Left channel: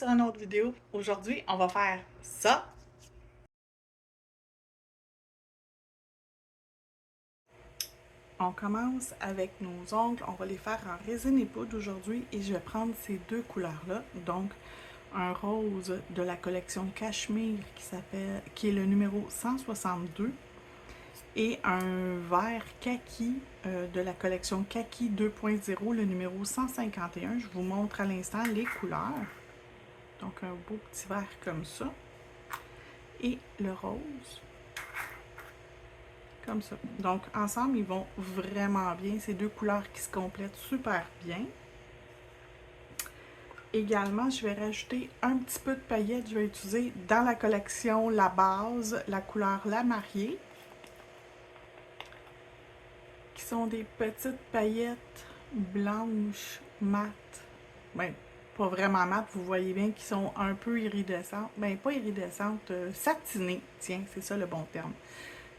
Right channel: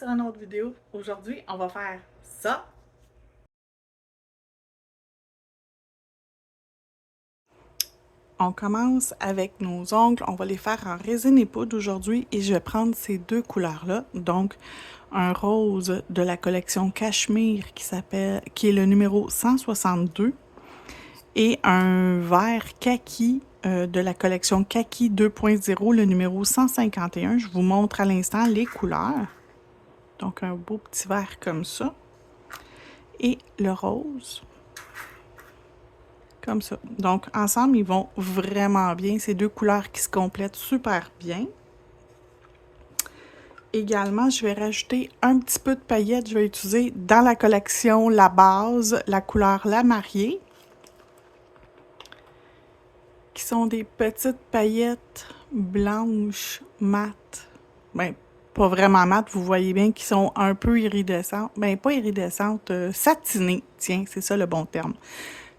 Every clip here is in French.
sur une autre vidéo. Aujourd'hui, on va faire ça. On commence avec nos ongles. On va les faire en résine et poudre aujourd'hui et je vais prendre ces deux couleurs-là. Donc, un rose de la collection Cachemire qui est le numéro 162 et un vert kaki de la collection Kaki 2.0, le numéro 151. Je vous montre à l'instant les couleurs. Donc, un beau petit vert comme ça. Et le rose, comme ça. Donc, ensemble, ils vont vraiment bien. Ces deux couleurs qui se complètent super bien. Également, je vais rajouter un petit peu de paillettes. Je vais utiliser dans la collection la base, la couleur La Mariée, qui sont des petites paillettes blanches mates. Ben, pas vraiment mates, vous voyez bien qu'ils sont un peu iridescentes. Ben, pas iridescentes, satinées. Tiens, c'est ça le bon terme.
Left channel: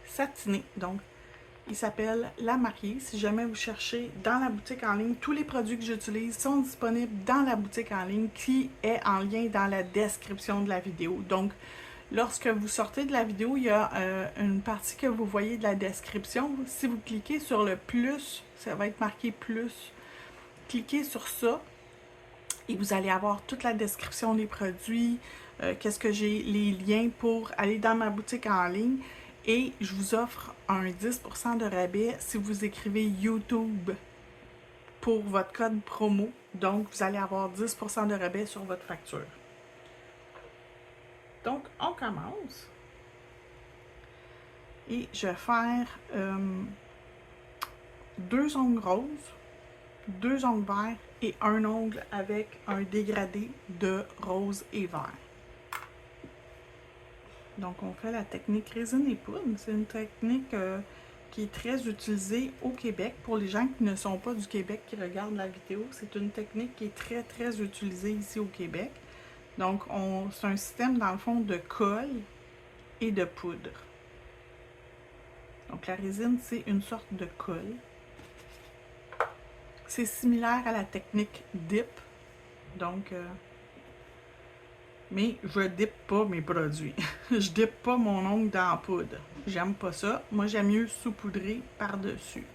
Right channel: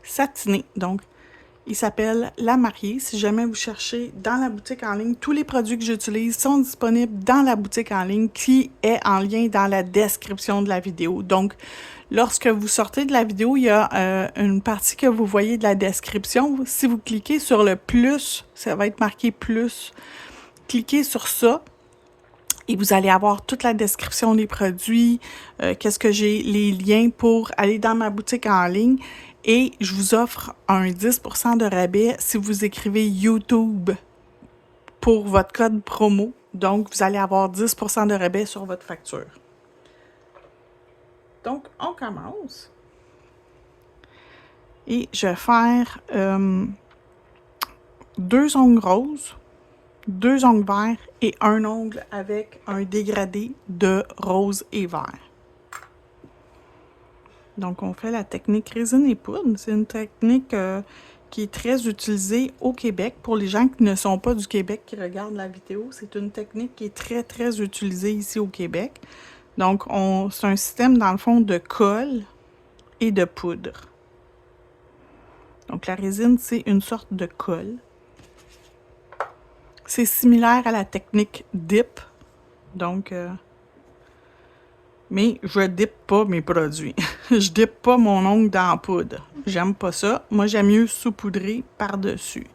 Satinées. Donc, il s'appelle La Mariée. Si jamais vous cherchez dans la boutique en ligne, tous les produits que j'utilise sont disponibles dans la boutique en ligne qui est en lien dans la description de la vidéo. Donc, lorsque vous sortez de la vidéo, il y a une partie que vous voyez de la description. Si vous cliquez sur le plus, ça va être marqué plus. Cliquez sur ça et vous allez avoir toute la description des produits, qu'est-ce que j'ai, les liens pour aller dans ma boutique en ligne. Et je vous offre un 10% de rabais si vous écrivez YouTube pour votre code promo. Donc, vous allez avoir 10% de rabais sur votre facture. Donc, on commence. Et je vais faire deux ongles roses, deux ongles verts et un ongle avec un dégradé de rose et vert. Donc, on fait la technique résine et poudre. C'est une technique qui est très utilisée au Québec. Pour les gens qui ne sont pas du Québec, qui regardent la vidéo, c'est une technique qui est très, très utilisée ici au Québec. Donc, c'est un système, dans le fond, de colle et de poudre. Donc, la résine, c'est une sorte de colle. C'est similaire à la technique dip. Donc, mais je dip pas mes produits. Je dip pas mon ongle dans la poudre. J'aime pas ça. Moi, j'aime mieux saupoudrer par-dessus.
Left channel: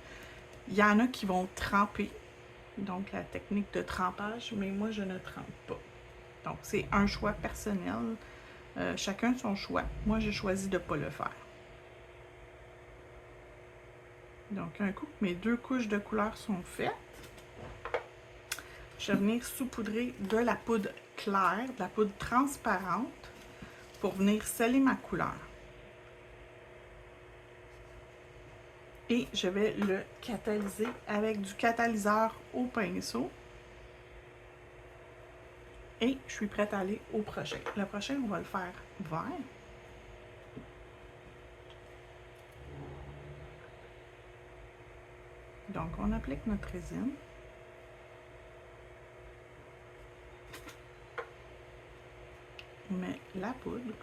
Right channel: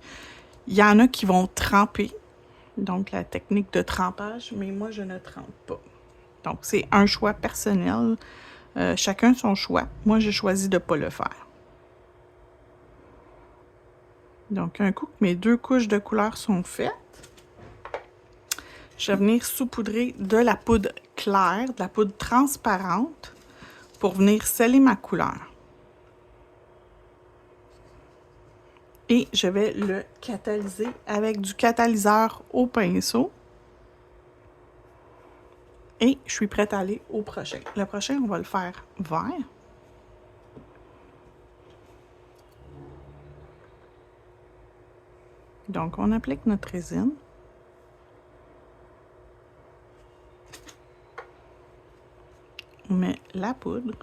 Il y en a qui vont tremper, donc la technique de trempage, mais moi, je ne trempe pas. Donc, c'est un choix personnel. Chacun son choix. Moi, j'ai choisi de ne pas le faire. Donc, un coup que mes deux couches de couleur sont faites, je vais venir saupoudrer de la poudre claire, de la poudre transparente, pour venir sceller ma couleur. Et je vais le catalyser avec du catalyseur au pinceau. Et je suis prête à aller au prochain. Le prochain, on va le faire vert. Donc, on applique notre résine. On met la poudre.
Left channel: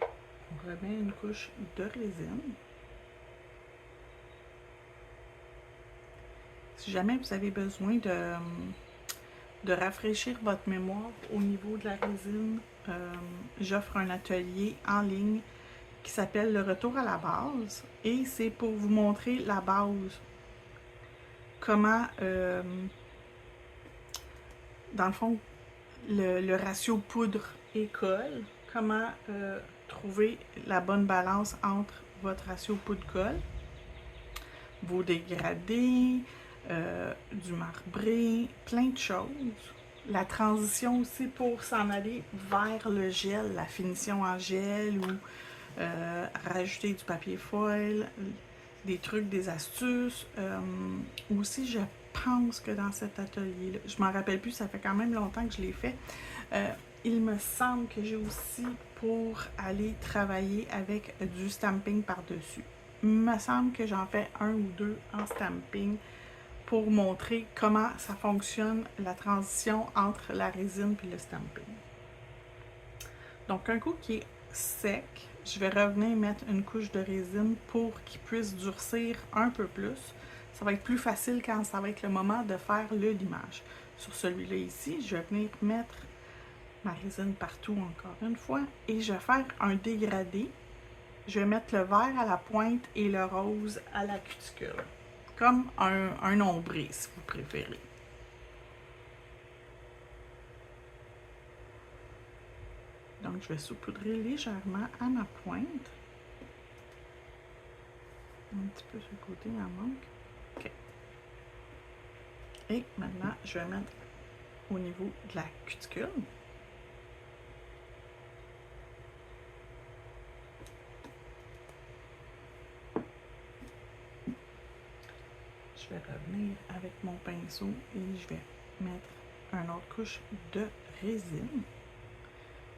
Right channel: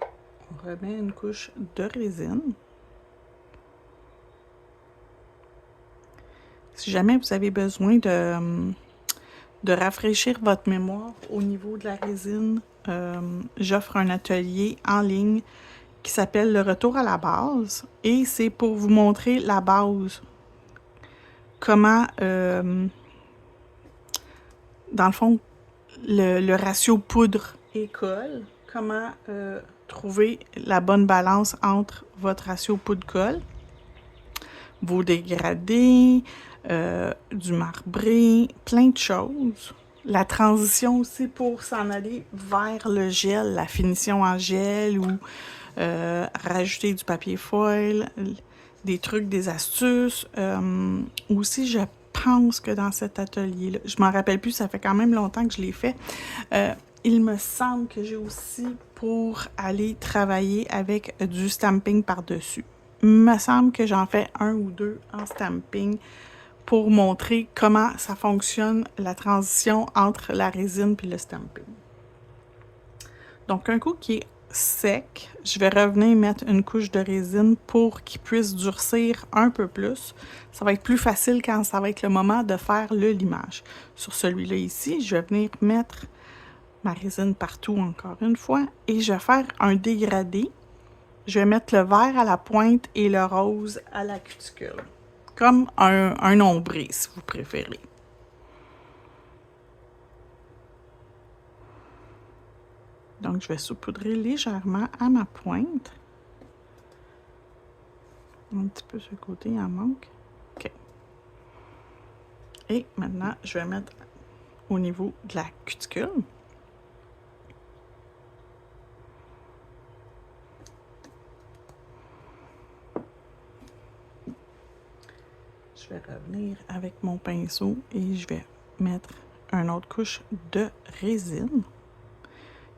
On remet une couche de résine. Si jamais vous avez besoin de rafraîchir votre mémoire au niveau de la résine, j'offre un atelier en ligne qui s'appelle Le Retour à la base. Et c'est pour vous montrer la base. Comment, dans le fond, le ratio poudre-colle, comment trouver la bonne balance entre votre ratio poudre-colle, vos dégradés, du marbré, plein de choses. La transition aussi pour s'en aller vers le gel, la finition en gel ou rajouter du papier foil, des trucs, des astuces. Aussi, je pense que dans cet atelier-là, je m'en rappelle plus, ça fait quand même longtemps que je l'ai fait. Il me semble que j'ai aussi pour aller travailler avec du stamping par-dessus. Il me semble que j'en fais un ou deux en stamping pour montrer comment ça fonctionne, la transition entre la résine et le stamping. Donc, un coup qui est sec, je vais revenir mettre une couche de résine pour qu'il puisse durcir un peu plus. Ça va être plus facile quand ça va être le moment de faire le limage. Sur celui-là ici, je vais venir mettre ma résine partout encore une fois et je vais faire un dégradé. Je vais mettre le vert à la pointe et le rose à la cuticule. Comme un ombré, si vous préférez. Donc, je vais saupoudrer légèrement à ma pointe. Un petit peu sur le côté, il en manque. OK. Et maintenant, je vais mettre au niveau de la cuticule. Je vais revenir avec mon pinceau et je vais mettre une autre couche de résine.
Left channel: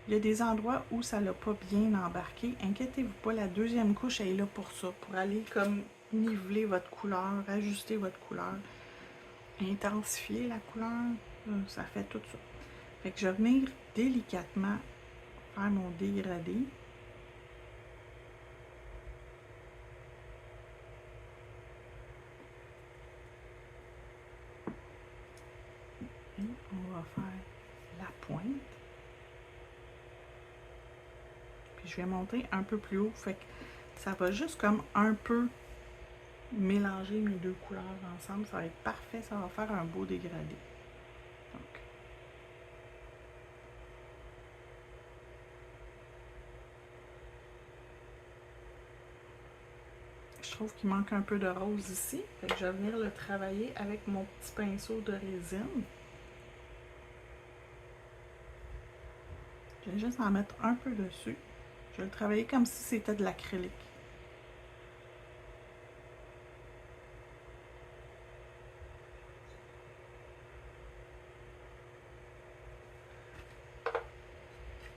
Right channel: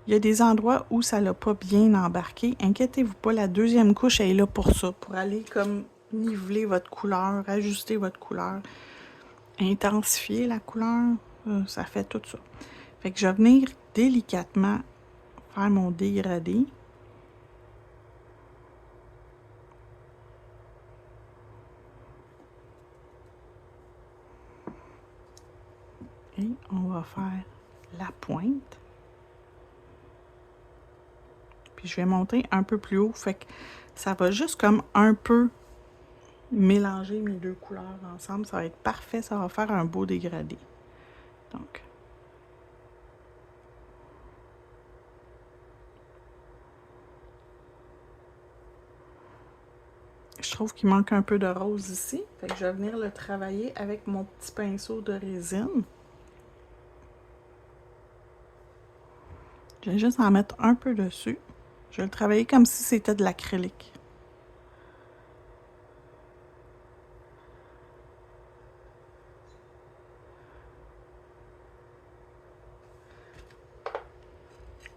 Il y a des endroits où ça l'a pas bien embarqué. Inquiétez-vous pas, la deuxième couche elle est là pour ça, pour aller comme niveler votre couleur, ajuster votre couleur, intensifier la couleur, ça fait tout ça. Fait que je vais venir délicatement faire mon dégradé. Et on va faire la pointe. Puis je vais monter un peu plus haut, fait que ça va juste comme un peu mélanger mes deux couleurs ensemble. Ça va être parfait, ça va faire un beau dégradé. Donc, je trouve qu'il manque un peu de rose ici, fait que je vais venir le travailler avec mon petit pinceau de résine. Je vais juste en mettre un peu dessus. Je vais le travailler comme si c'était de l'acrylique.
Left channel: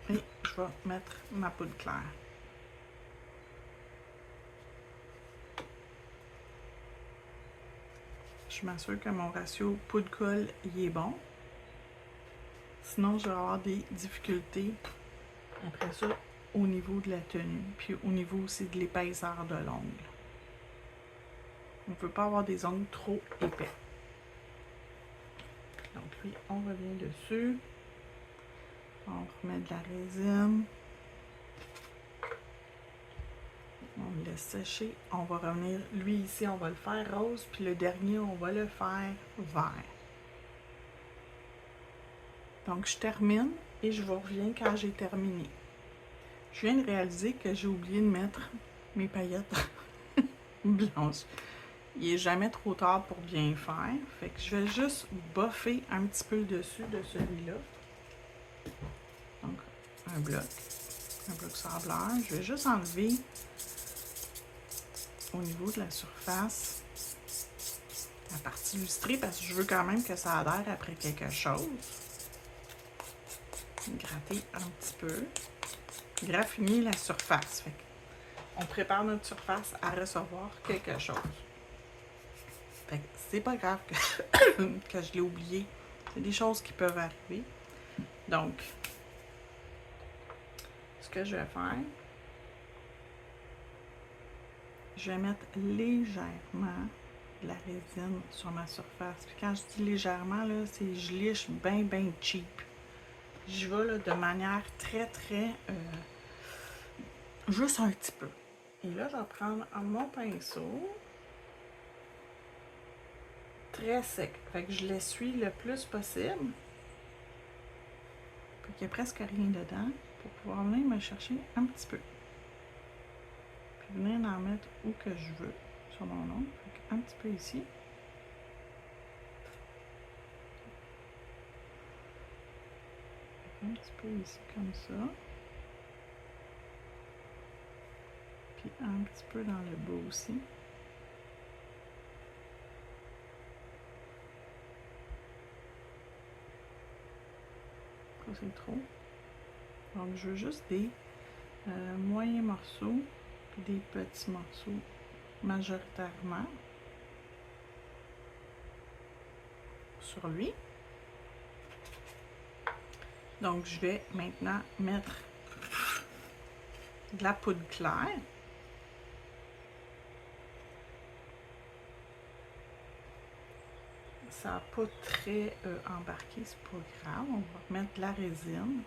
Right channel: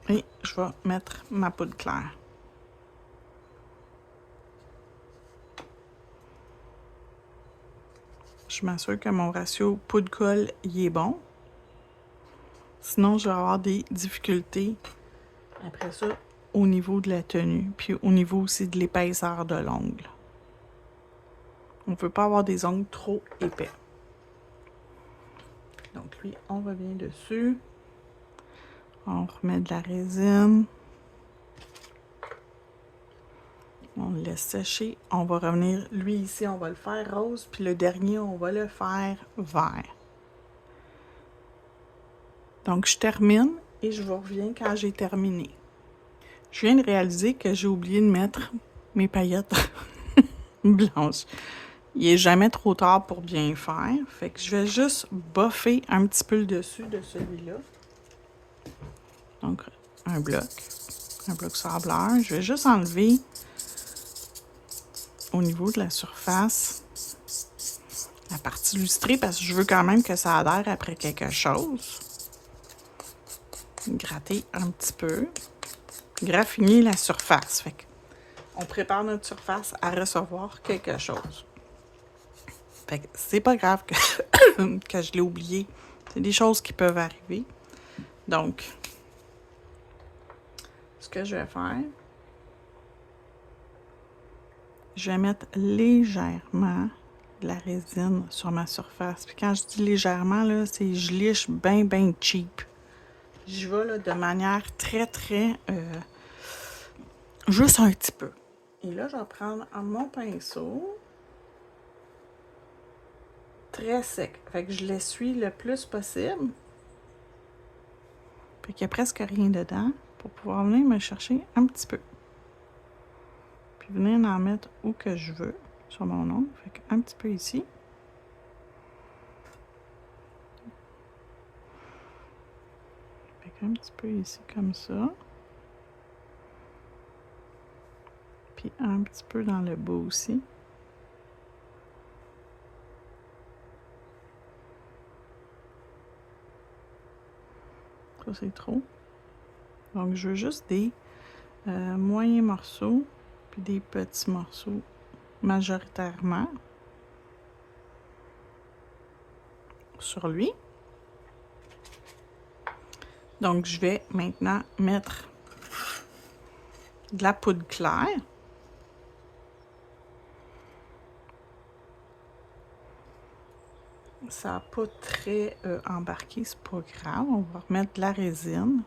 Et je vais mettre ma poudre claire. Je m'assure que mon ratio poudre-colle y est bon. Sinon, je vais avoir des difficultés après ça au niveau de la tenue, puis au niveau aussi de l'épaisseur de l'ongle. On ne peut pas avoir des ongles trop épais. Donc lui, on revient dessus. On remet de la résine. On le laisse sécher. On va revenir, lui ici, on va le faire rose, puis le dernier, on va le faire vert. Donc, je termine et je vous reviens quand j'ai terminé. Je viens de réaliser que j'ai oublié de mettre mes paillettes blanches. Il n'est jamais trop tard pour bien faire. Fait que je vais juste boffer un petit peu le dessus de celui-là. Donc, un bloc sableur. Je vais juste enlever au niveau de la surface la partie lustrée parce que je veux quand même que ça adhère après quelque chose. Gratter un petit peu. Graffiner la surface. Fait on prépare notre surface à recevoir quelque chose. Fait que c'est pas grave que je l'ai oublié. C'est des choses qui peuvent arriver. Donc, ce que je vais faire, je vais mettre légèrement de la résine sur ma surface. Puis quand je dis légèrement, là, c'est je liche bien, bien cheap. J'y vais là, de manière très, très... juste un petit peu. Et là, je vais prendre mon pinceau très sec. Fait que je l'essuie le plus possible. Puis qu'il n'y a presque rien dedans pour pouvoir venir me chercher un petit peu. Puis venir en mettre où que je veux sur mon ongle. Fait qu'un petit peu ici. Fait qu'un petit peu ici comme ça. Puis un petit peu dans le bas aussi. Ça, c'est trop. Donc, je veux juste des moyens morceaux, puis des petits morceaux majoritairement sur lui. Donc, je vais maintenant mettre de la poudre claire. Ça n'a pas très embarqué, c'est pas grave. On va remettre de la résine.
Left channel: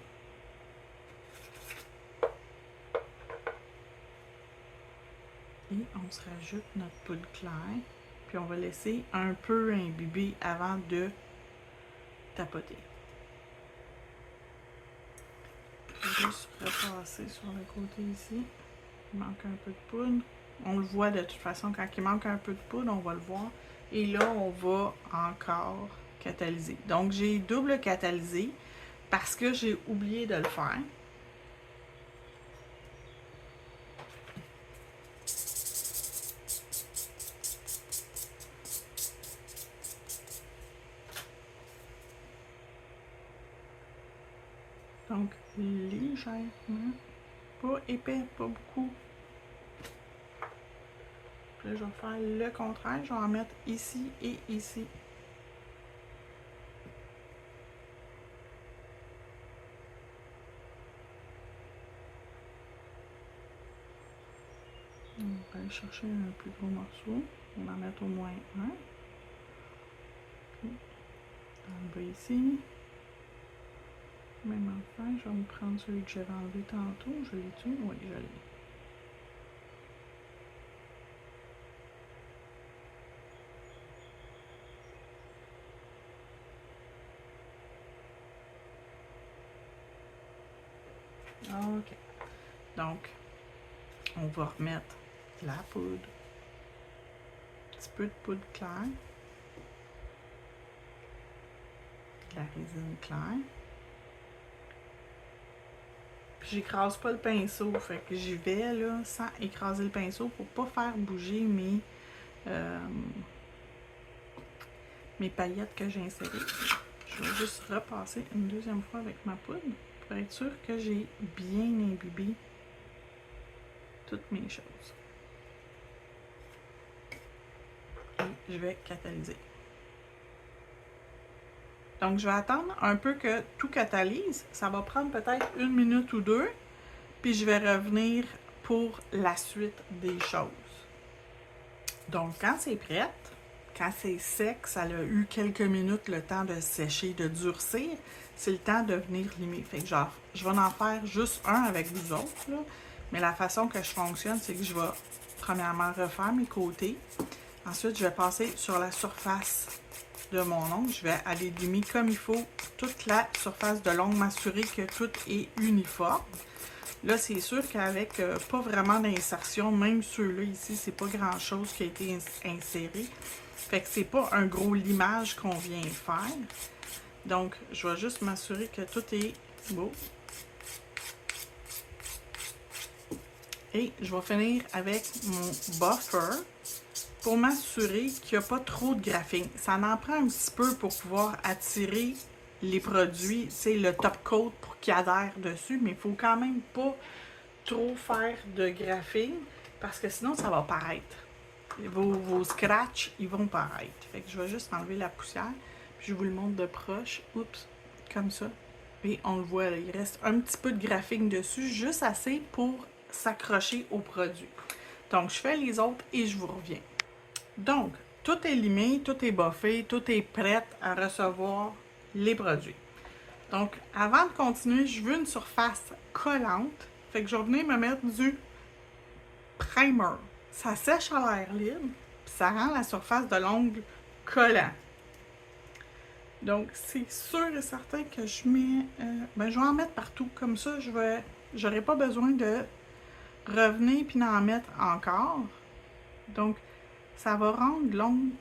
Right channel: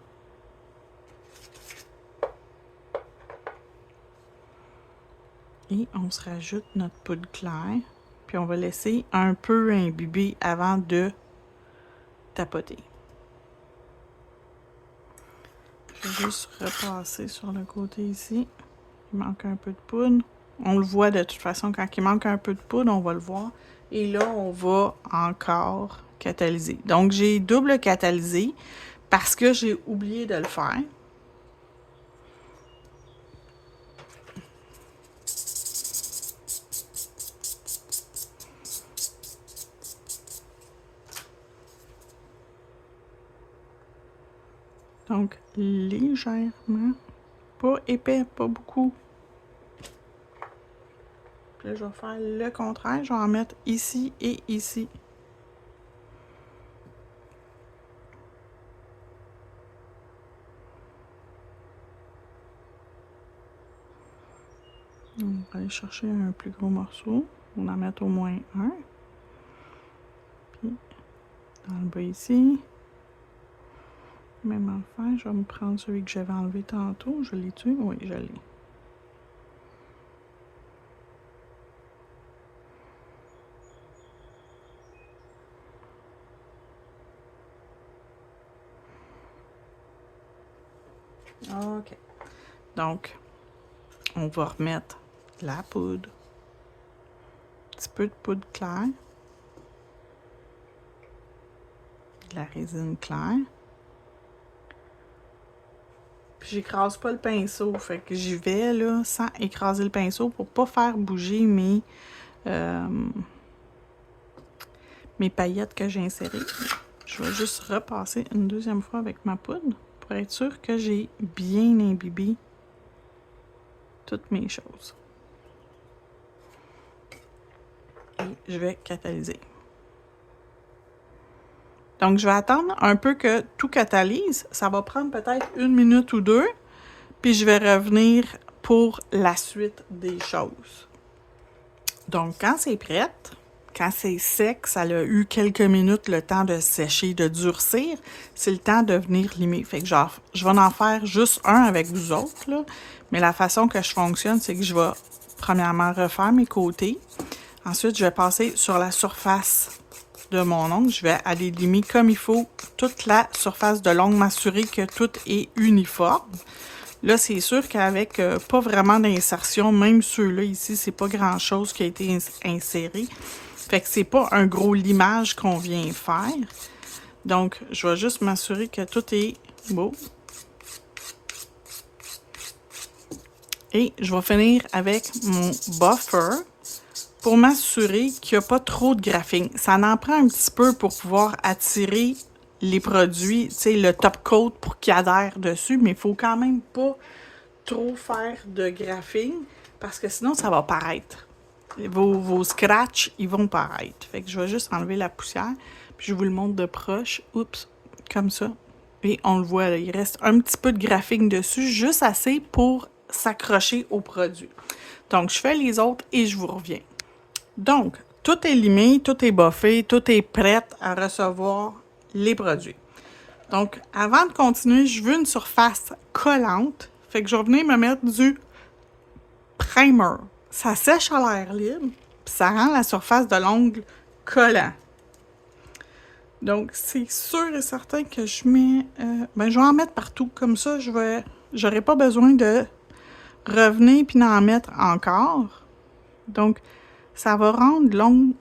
Et on se rajoute notre poudre claire. Puis on va laisser un peu imbiber avant de tapoter. Je vais juste repasser sur le côté ici. Il manque un peu de poudre. On le voit de toute façon, quand il manque un peu de poudre, on va le voir. Et là, on va encore catalyser. Donc, j'ai double catalysé parce que j'ai oublié de le faire. Donc, légèrement. Pas épais, pas beaucoup. Puis là, je vais faire le contraire. Je vais en mettre ici et ici. On va aller chercher un plus gros morceau. On va en mettre au moins un. Puis, dans le bas ici. Même enfin, je vais me prendre celui que j'avais enlevé tantôt. Je l'ai tué? Oui, je l'ai. OK. Donc, on va remettre la poudre. Un petit peu de poudre claire. De la résine claire. Puis j'écrase pas le pinceau, fait que j'y vais là sans écraser le pinceau pour pas faire bouger mes paillettes que j'ai insérées. Je vais juste repasser une deuxième fois avec ma poudre pour être sûr que j'ai bien imbibé toutes mes choses. Et je vais catalyser. Donc, je vais attendre un peu que tout catalyse. Ça va prendre peut-être 1 minute ou 2. Puis, je vais revenir pour la suite des choses. Donc, quand c'est prête, quand c'est sec, ça a eu quelques minutes le temps de sécher, de durcir, c'est le temps de venir limer. Fait que genre, je vais en faire juste un avec vous autres, là. Mais la façon que je fonctionne, c'est que je vais premièrement refaire mes côtés. Ensuite, je vais passer sur la surface de mon ongle. Je vais aller limer comme il faut toute la surface de l'ongle, m'assurer que tout est uniforme. Là, c'est sûr qu'avec pas vraiment d'insertion, même ceux-là ici, c'est pas grand-chose qui a été inséré. Fait que c'est pas un gros limage qu'on vient faire. Donc, je vais juste m'assurer que tout est beau. Et je vais finir avec mon buffer pour m'assurer qu'il n'y a pas trop de graphing. Ça en prend un petit peu pour pouvoir attirer les produits, tu sais, le top coat pour qu'il adhère dessus, mais il faut quand même pas trop faire de graphing parce que sinon ça va paraître. Vos scratchs, ils vont paraître. Fait que je vais juste enlever la poussière, puis je vous le montre de proche. Oups, comme ça. Et on le voit, là, il reste un petit peu de graphing dessus, juste assez pour s'accrocher au produit. Donc, je fais les autres et je vous reviens. Donc, tout est limé, tout est buffé, tout est prêt à recevoir les produits. Donc, avant de continuer, je veux une surface collante. Fait que je vais venir me mettre du primer. Ça sèche à l'air libre, puis ça rend la surface de l'ongle collant. Donc, c'est sûr et certain que je mets... je vais en mettre partout. Comme ça, j'aurai pas besoin de revenir puis d'en mettre encore. Donc, ça va rendre l'ongle...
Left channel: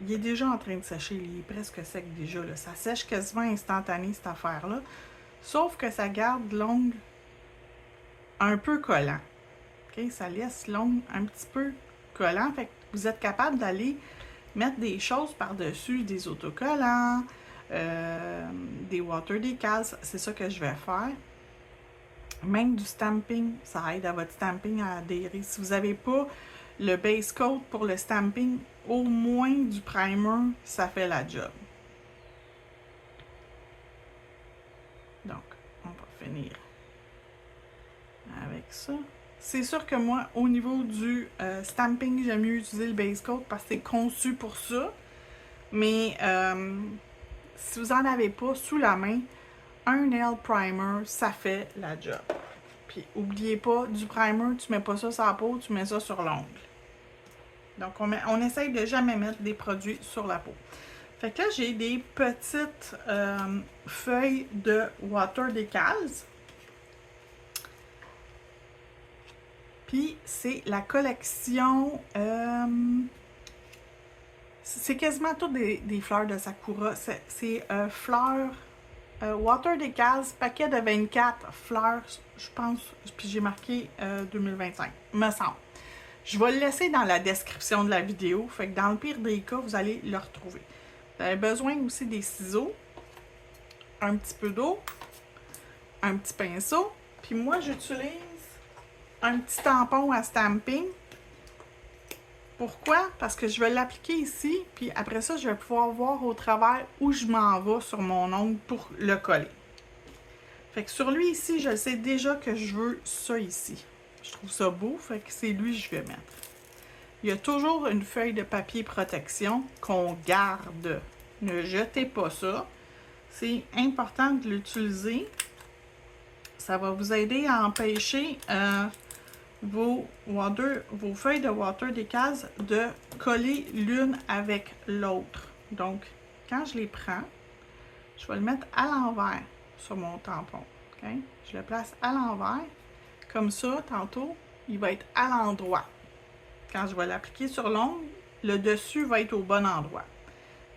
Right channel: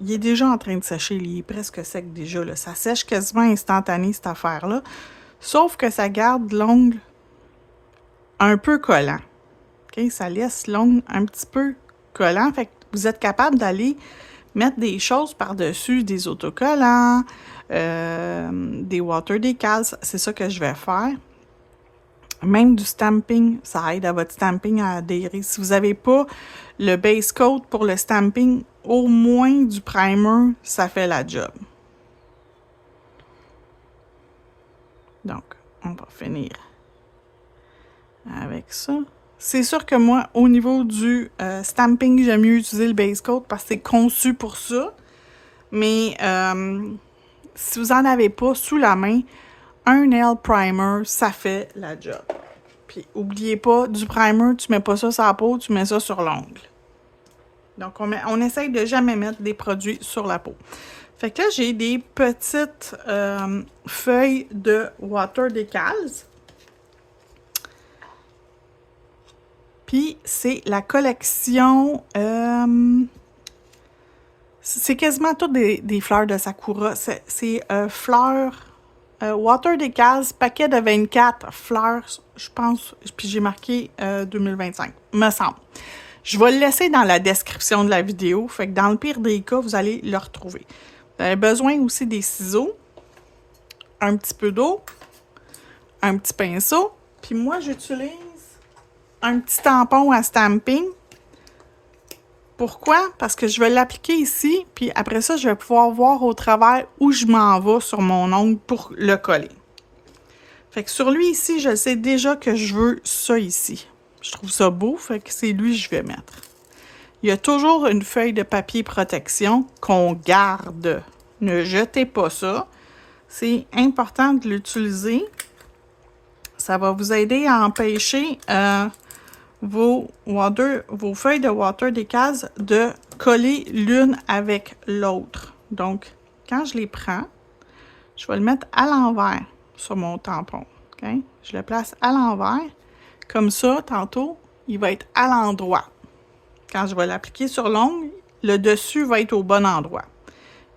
Il est déjà en train de sécher, il est presque sec déjà, là. Ça sèche quasiment instantané, cette affaire-là. Sauf que ça garde l'ongle un peu collant. Okay? Ça laisse l'ongle un petit peu collant. Fait que vous êtes capable d'aller mettre des choses par-dessus, des autocollants, des water decals. C'est ça que je vais faire. Même du stamping, ça aide à votre stamping à adhérer. Si vous n'avez pas le base coat pour le stamping, au moins du primer, ça fait la job. Donc, on va finir avec ça. C'est sûr que moi, au niveau du stamping, j'aime mieux utiliser le base coat parce que c'est conçu pour ça. Mais si vous n'en avez pas sous la main, un nail primer, ça fait la job. Puis, n'oubliez pas, du primer, tu mets pas ça sur la peau, tu mets ça sur l'ongle. Donc, on essaye de jamais mettre des produits sur la peau. Fait que là, j'ai des petites feuilles de Water Decals. Puis, c'est la collection... c'est quasiment toutes des fleurs de Sakura. C'est fleurs... Water Decals, paquet de 24 fleurs, je pense, puis j'ai marqué 2025, me semble. Je vais le laisser dans la description de la vidéo, fait que dans le pire des cas, vous allez le retrouver. Vous avez besoin aussi des ciseaux, un petit peu d'eau, un petit pinceau, puis moi j'utilise un petit tampon à stamping. Pourquoi? Parce que je vais l'appliquer ici, puis après ça, je vais pouvoir voir au travers où je m'en vais sur mon ongle pour le coller. Fait que sur lui ici, je sais déjà que je veux ça ici. Je trouve ça beau, fait que c'est lui que je vais mettre. Il y a toujours une feuille de papier protection qu'on garde. Ne jetez pas ça. C'est important de l'utiliser. Ça va vous aider à empêcher vos feuilles de Water Decals de coller l'une avec l'autre. Donc, quand je les prends, je vais le mettre à l'envers sur mon tampon. Okay? Je le place à l'envers. Comme ça, tantôt, il va être à l'endroit. Quand je vais l'appliquer sur l'ongle, le dessus va être au bon endroit.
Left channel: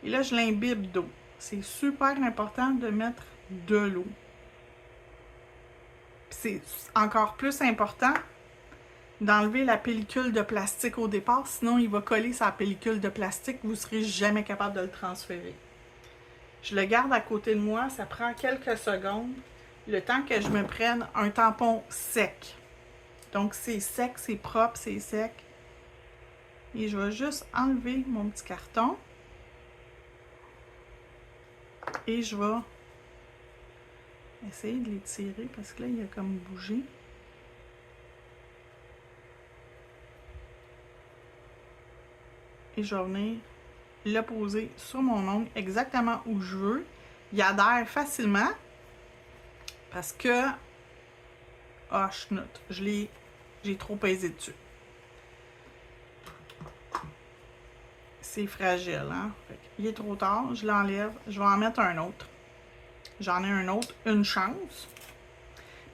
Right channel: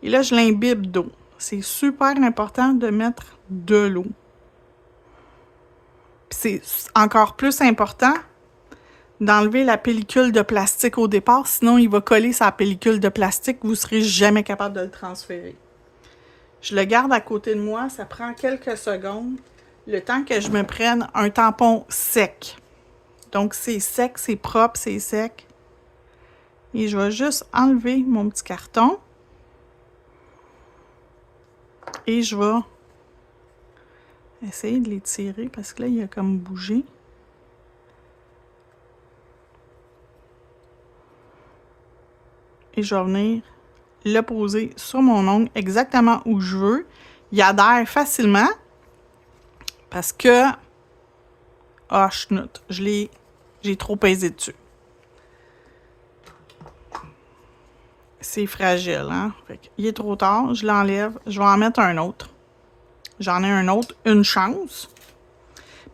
Et là, je l'imbibe d'eau. C'est super important de mettre de l'eau. C'est encore plus important d'enlever la pellicule de plastique au départ, sinon il va coller sa pellicule de plastique, vous ne serez jamais capable de le transférer. Je le garde à côté de moi, ça prend quelques secondes, le temps que je me prenne un tampon sec. Donc c'est sec, c'est propre, c'est sec. Et je vais juste enlever mon petit carton. Et je vais essayer de l'étirer parce que là, il a comme bougé. Et je vais venir le poser sur mon ongle exactement où je veux. Il adhère facilement parce que... Ah, chenoute, j'ai trop pesé dessus. C'est fragile, hein? Fait qu'il est trop tard, je l'enlève. Je vais en mettre un autre. J'en ai un autre, une chance.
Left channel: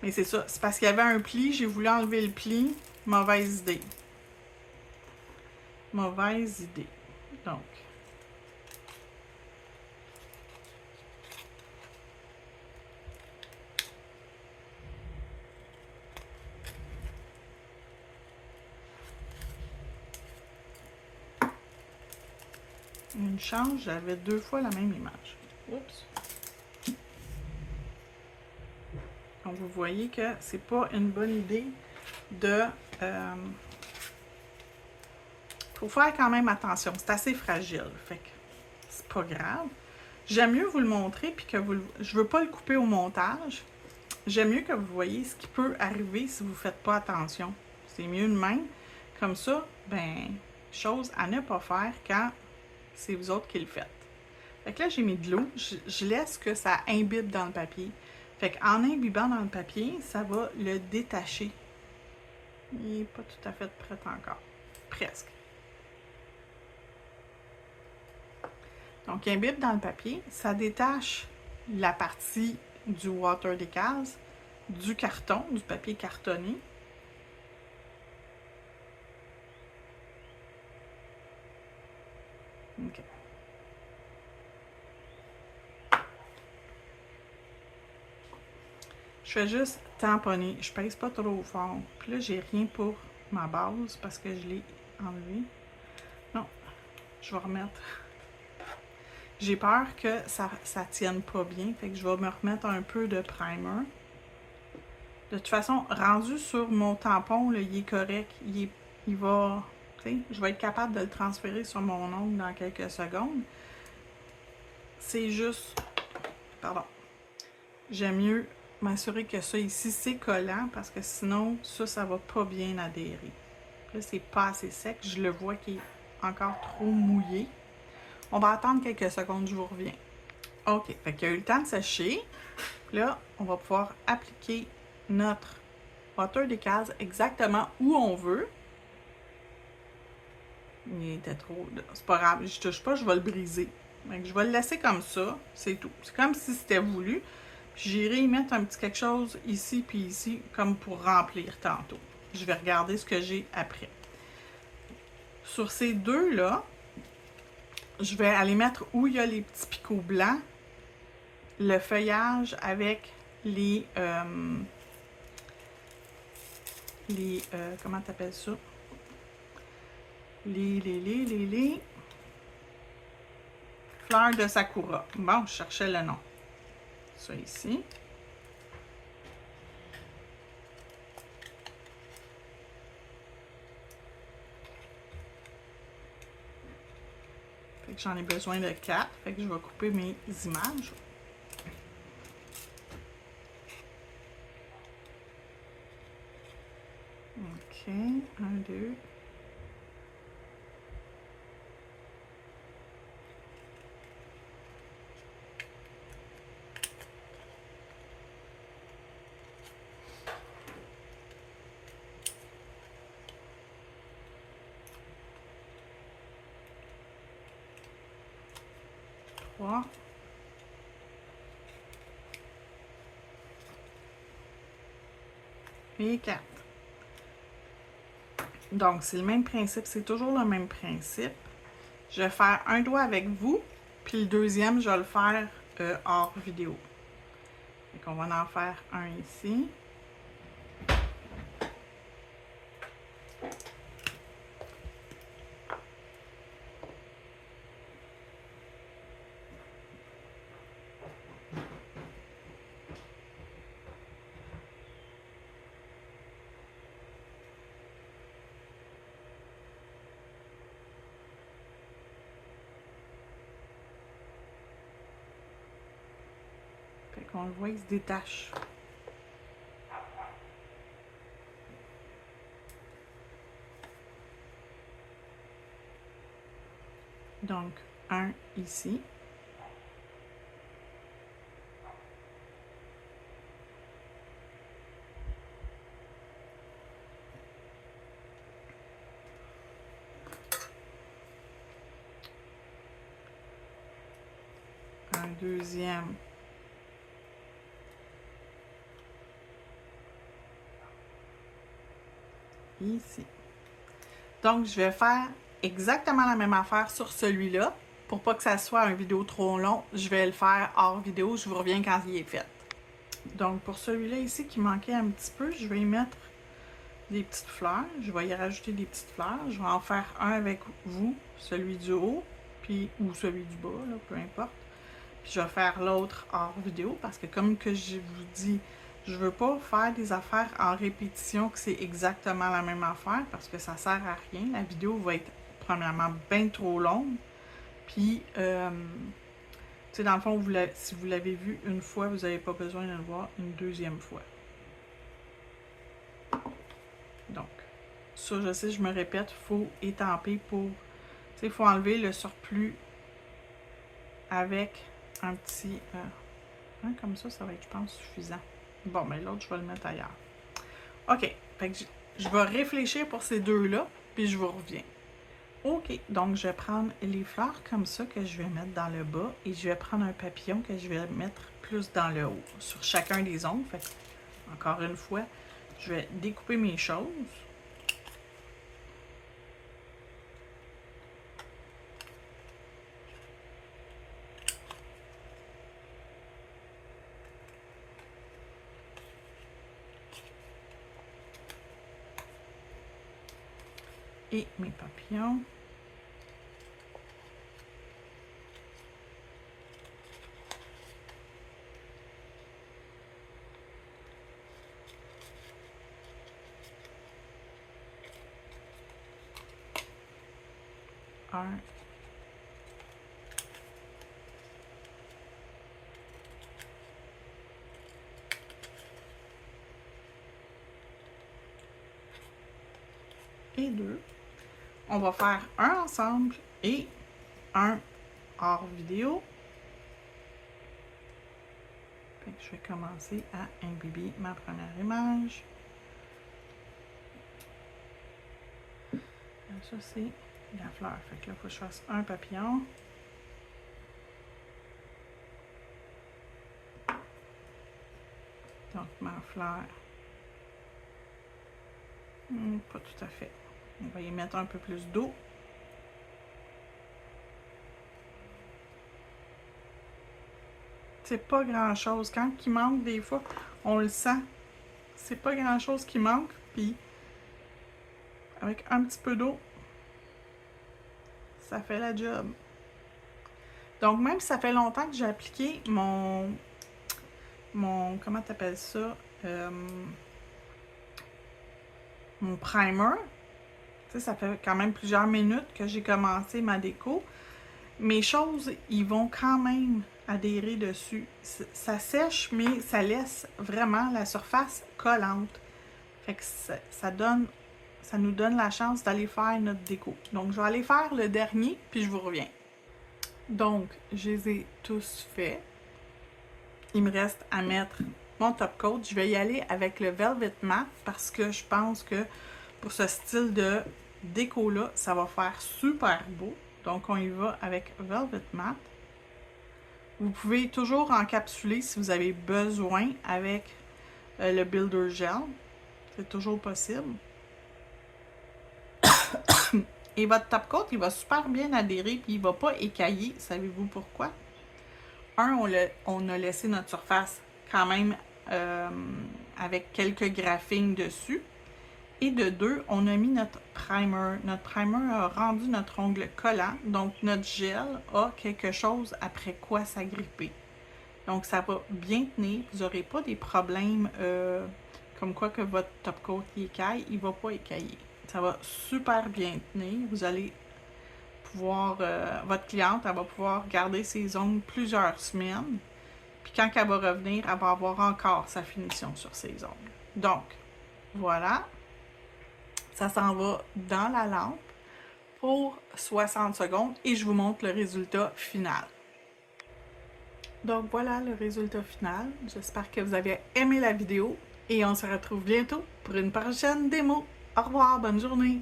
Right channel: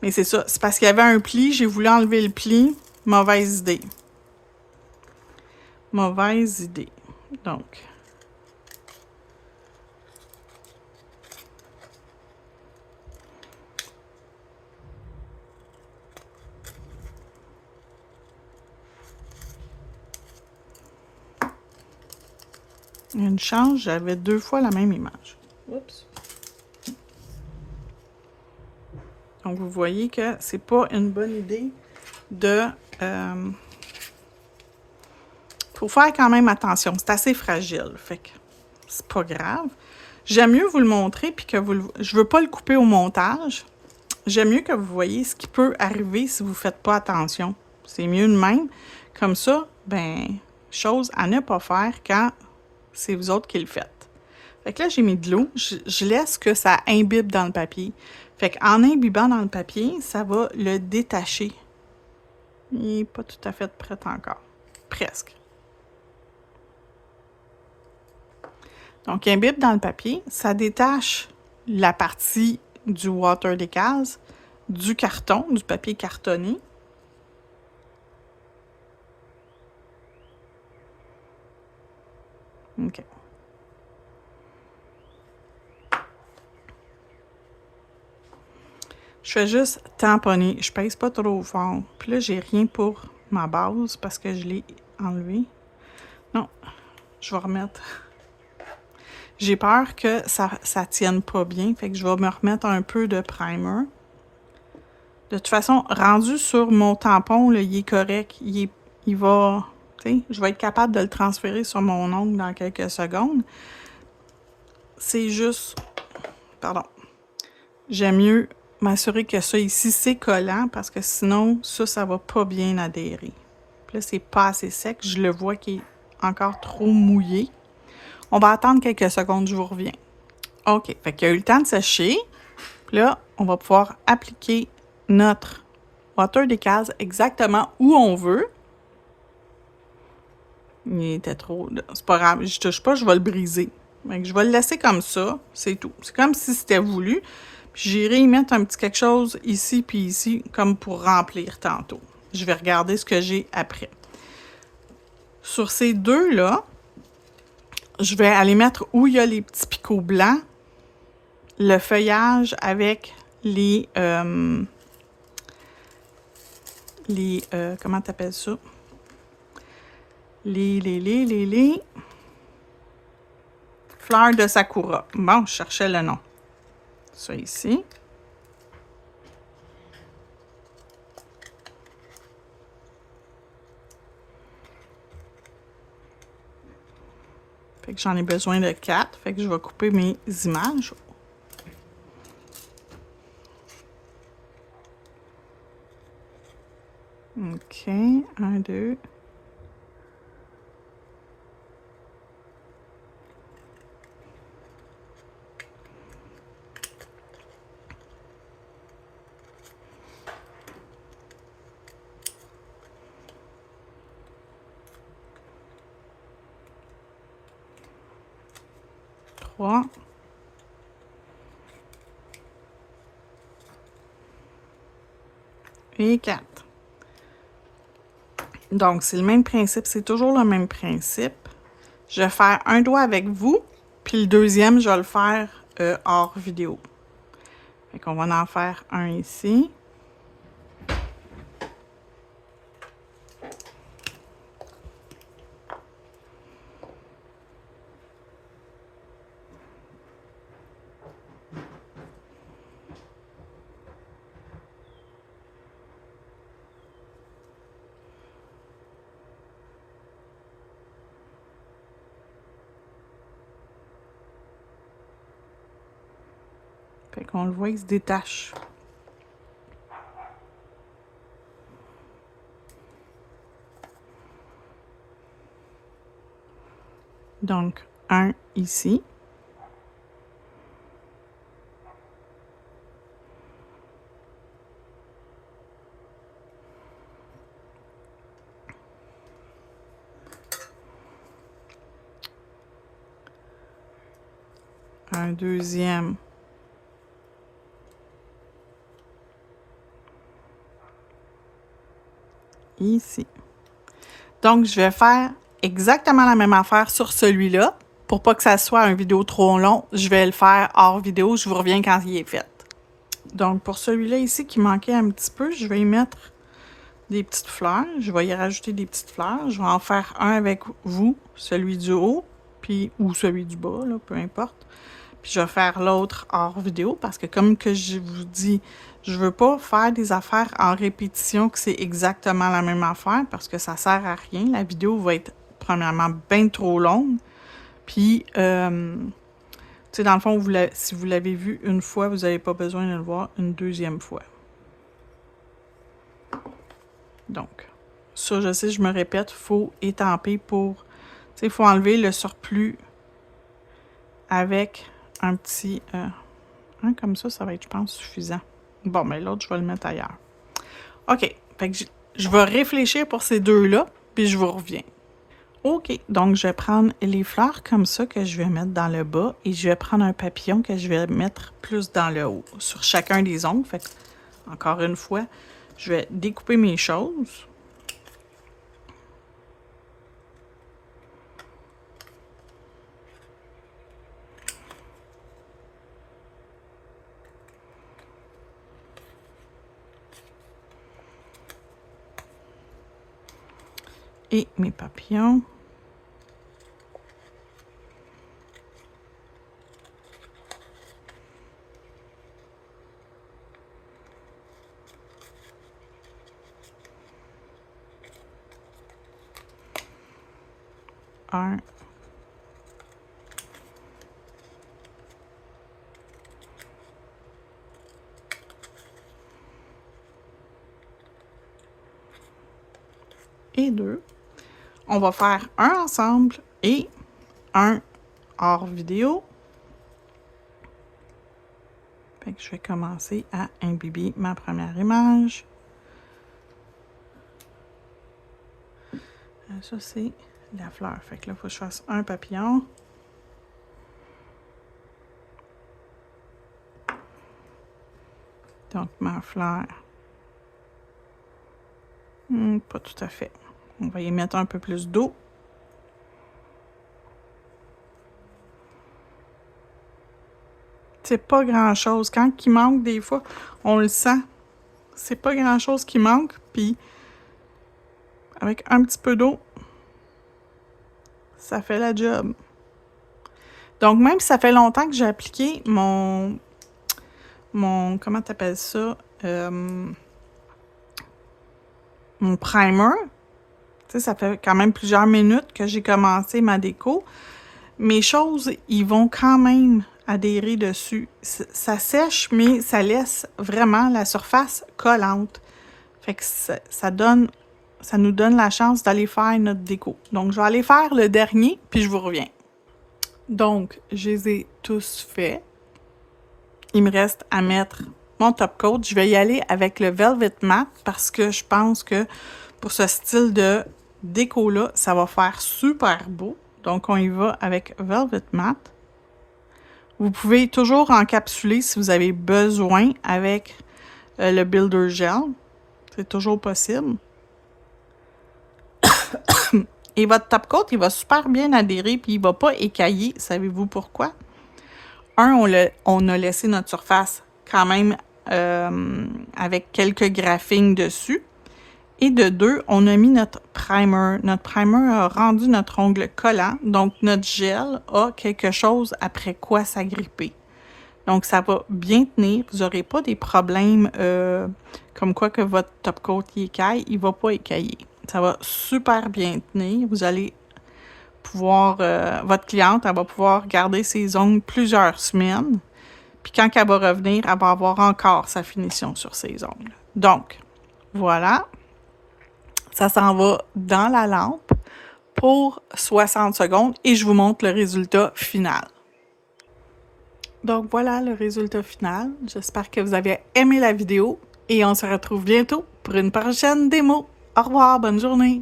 Mais c'est ça, c'est parce qu'il y avait un pli, j'ai voulu enlever le pli. Mauvaise idée. Mauvaise idée. Donc... Une chance, j'avais 2 fois la même image. Oups. Donc, vous voyez que c'est pas une bonne idée de... faut faire quand même attention. C'est assez fragile. Fait que c'est pas grave. J'aime mieux vous le montrer puis que je veux pas le couper au montage. J'aime mieux que vous voyez ce qui peut arriver si vous faites pas attention. C'est mieux de même. Comme ça, ben, chose à ne pas faire quand c'est vous autres qui le faites. Fait que là, j'ai mis de l'eau. Je laisse que ça imbibe dans le papier. Fait qu'en imbibant dans le papier, ça va le détacher. Il n'est pas tout à fait prêt encore. Presque. Donc, il imbibe dans le papier. Ça détache la partie du Water Decals, du carton, du papier cartonné. OK. Je fais juste tamponner. Je pèse pas trop fort. Puis là, j'ai rien pour ma base parce que je l'ai enlevé. Non, je vais remettre. J'ai peur que ça tienne pas bien. Fait que je vais me remettre un peu de primer. De toute façon, rendu sur mon tampon, là, il est correct. Il va... Je vais être capable de le transférer sur mon ongle dans quelques secondes. C'est juste... Pardon. J'aime mieux m'assurer que ça ici, c'est collant parce que sinon, ça va pas bien adhérer. Puis là, c'est pas assez sec. Je le vois qu'il est encore trop mouillé. On va attendre quelques secondes, je vous reviens. OK, fait qu'il y a eu le temps de sécher. Puis là, on va pouvoir appliquer notre water decals exactement où on veut. Il était trop... C'est pas grave, je touche pas, je vais le briser. Donc, je vais le laisser comme ça, c'est tout. C'est comme si c'était voulu. Puis j'irai y mettre un petit quelque chose ici puis ici, comme pour remplir tantôt. Je vais regarder ce que j'ai après. Sur ces deux-là, je vais aller mettre où il y a les petits picots blancs, le feuillage avec les comment t'appelles ça? Les fleurs de sakura. Bon, je cherchais le nom. Ça ici. Fait que j'en ai besoin de 4. Fait que je vais couper mes images. OK. 1, 2. Trois. Et 4. Donc, c'est le même principe. C'est toujours le même principe. Je vais faire un doigt avec vous, puis le deuxième, je vais le faire hors vidéo. Fait qu'on va en faire un ici. Fait qu'on le voit, il se détache. Donc, un ici. Un deuxième. Ici. Donc, je vais faire exactement la même affaire sur celui-là. Pour pas que ça soit une vidéo trop long, je vais le faire hors vidéo. Je vous reviens quand il est fait. Donc, pour celui-là ici qui manquait un petit peu, je vais y mettre des petites fleurs. Je vais y rajouter des petites fleurs. Je vais en faire un avec vous, celui du haut, puis ou celui du bas, là, peu importe. Puis je vais faire l'autre hors vidéo parce que comme que je vous dis, je veux pas faire des affaires en répétition que c'est exactement la même affaire parce que ça sert à rien. La vidéo va être premièrement bien trop longue. Puis, tu sais, dans le fond, si vous l'avez vu une fois, vous n'avez pas besoin de le voir une deuxième fois. Donc, ça, je sais, je me répète, il faut étamper pour... Tu sais, il faut enlever le surplus avec un petit... comme ça va être, je pense, suffisant. Bon, mais l'autre, je vais le mettre ailleurs. OK. Fait que je vais réfléchir pour ces deux-là, puis je vous reviens. OK. Donc, je vais prendre les fleurs comme ça que je vais mettre dans le bas et je vais prendre un papillon que je vais mettre plus dans le haut, sur chacun des ongles. Fait que, encore une fois, je vais découper mes choses. Et mes papillons. Un. et 2. On va faire un ensemble et un hors vidéo. Fait que je vais commencer à imbiber ma première image. Ça, c'est la fleur. Fait que là, il faut que je fasse un papillon. Donc, ma fleur. Pas tout à fait. On va y mettre un peu plus d'eau. C'est pas grand-chose. Quand il manque, des fois, on le sent. C'est pas grand-chose qui manque. Puis, avec un petit peu d'eau, ça fait la job. Donc, même si ça fait longtemps que j'ai appliqué mon comment t'appelles ça? Mon primer. Tu sais, ça fait quand même plusieurs minutes que j'ai commencé ma déco. Mes choses, ils vont quand même adhérer dessus. Ça sèche, mais ça laisse vraiment la surface collante. Fait que ça nous donne la chance d'aller faire notre déco. Donc, je vais aller faire le dernier, puis je vous reviens. Donc, je les ai tous faits. Il me reste à mettre mon top coat. Je vais y aller avec le Velvet Matte parce que je pense que pour ce style de déco-là, ça va faire super beau. Donc, on y va avec Velvet Matte. Vous pouvez toujours encapsuler si vous avez besoin avec le Builder Gel. C'est toujours possible. Et votre top coat, il va super bien adhérer puis il ne va pas écailler. Savez-vous pourquoi? On a laissé notre surface quand même avec quelques graphings dessus. Et de 2, on a mis notre primer. Notre primer a rendu notre ongle collant. Donc, notre gel a quelque chose après quoi s'agripper. Donc, ça va bien tenir. Vous n'aurez pas des problèmes comme quoi que votre top coat écaille. Il ne va pas écailler. Ça va super bien tenir. Vous allez pouvoir... votre cliente, elle va pouvoir garder ses ongles plusieurs semaines. Puis quand elle va revenir, elle va avoir encore sa finition sur ses ongles. Donc, voilà. Ça s'en va dans la lampe pour 60 secondes et je vous montre le résultat final. Donc voilà le résultat final. J'espère que vous avez aimé la vidéo et on se retrouve bientôt pour une prochaine démo. Au revoir, bonne journée!